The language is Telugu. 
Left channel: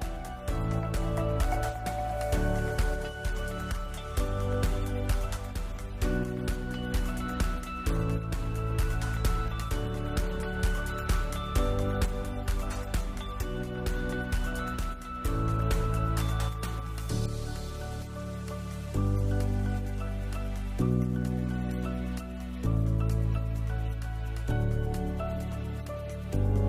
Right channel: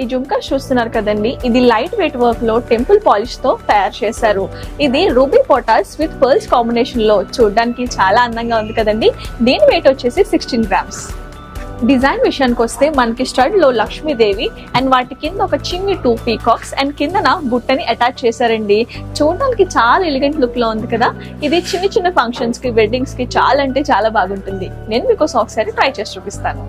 ఈ జుంకాస్ చూస్తున్నారు కదండి, ఇది లైట్ వెయిట్ వర్క్ లో టెంపుల్ పాలిష్ తో తయారు చేశారు. ఇది రూబీ పోటాస్ విత్ పర్ల్స్ కాంబినేషన్ లో చూడడానికి చాలా అందంగా ఉంది కదండి. దీని వెయిట్ వచ్చేసి 16 grams. డిజైన్ విషయానికి వస్తే మనకి స్టడ్ లో లక్ష్మీదేవి అండ్ వాటి కింద ఒక చిన్ని 2 పీకాక్స్ అండ్ కిందన బుట్టని అటాచ్ చేశారండి. చూడడానికి చాలా ఎలిగెంట్ లుక్ లో ఉంది కదా. ఇది చిన్న చిన్న ఫంక్షన్స్ కి, వెడ్డింగ్స్ కి చాలా అంటే చాలా బాగుంటుంది. నేను మీకోసం ఒకసారి ట్రై చేసి చూపిస్తాను.